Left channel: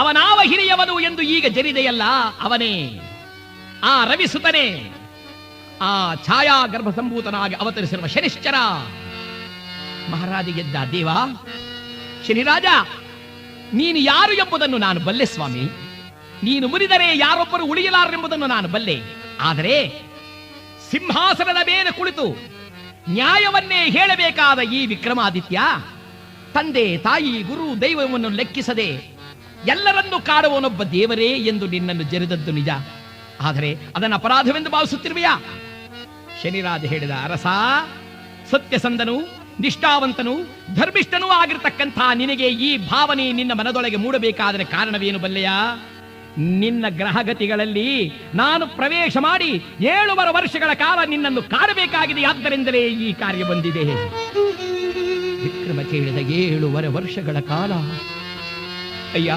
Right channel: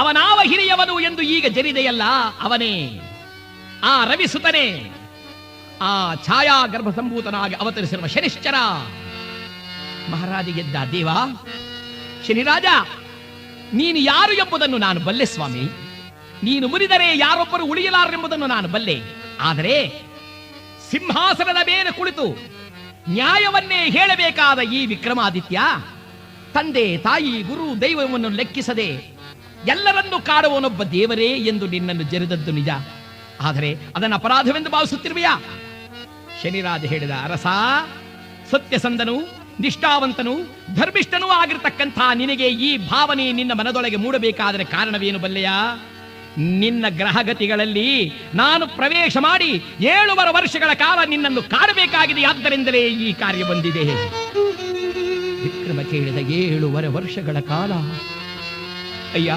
ಅವನಾವ ಹಿರಿಯವನು ಎಂದು ಈಗ ಜರಿದೆಯಲ್ಲ, ಅವನೇ ಆ ರವಿಸುತನೇ, ಆ ಛಾಯಾ ಗರ್ಭಸಂಭೂತನಾಗಿ ಅವತರಿಸಿರುವ ಶನಿಶ್ಚರ. ಮಹಾರಾಜ ಎದ್ದ. ದೇವ ಶನಿರಾಜ, ನೀನು ಯಾರು ಎಂಬುದನ್ನು ನಾನು ಬಲ್ಲೆ ಸ್ವಾಮಿ. ನೀನು ಮುರಿದರೆ ಯಾರೊಬ್ಬರು ಉಳಿಯಲಾರೆಂಬುದನ್ನು ನಾನು ಬಲ್ಲೆ. ಆದರೆ ಸಿಂಹಾಸನದ ಮೇಲೆ ಕುಳಿತು ನ್ಯಾಯವನ್ನೇ ಹೇಳಬೇಕಾದ ಈ ವಿಕ್ರಮಾದಿತ್ಯ, ತಂದೆ ತಾಯಿ ಗುರು ದೈವವನ್ನು ಲೆಕ್ಕಿಸದೆ ಎಲ್ಲರನ್ನೂ ಕಾಡುವನೊಬ್ಬ ದೇವರೇ ಎಂದು ನಿನ್ನನ್ನು ಜರಿದದ್ದು ನಿಜ. ಆದರೆ ಅದನ್ನು ಅಪರಾಧವೆಂದು ಭಾವಿಸುತ್ತಿರುವೆಯಾ? ಶನಿರಾಜ ಹೇಳಿದ, ಅರಸ, ಸತ್ಯಸಂಧನು, ನಿಷ್ಠಾವಂತನು, ಧರ್ಮಿಷ್ಠನೂ ಆಗಿರತಕ್ಕಂಥ ನಿನಗೆ ಈ ಭಾವನೆ ನಿನ್ನ ಮನದೊಳಗೆ ಮೂಡಬೇಕಾದರೆ ಕಾರಣವೇನು ಬಲ್ಲೆಯ? ನಿನ್ನ ಗ್ರಹಗತಿಗಳಲ್ಲಿ ನಾನು ಪ್ರವೇಶ ಮಾಡಿ 7 ವರ್ಷಗಳ ಕಾಲ ನಿನ್ನನ್ನು ಕಾಡಬೇಕಾಗಿದೆ. ಆದ್ದರಿಂದಲೇ ಈ ಕಾರ್ಯ ಬಂದಿದೆ. ವಿಕ್ರಮ ಕೇಳಿದ 7 ವರ್ಷಗಳ ಕಾಲ. ಅಯ್ಯ,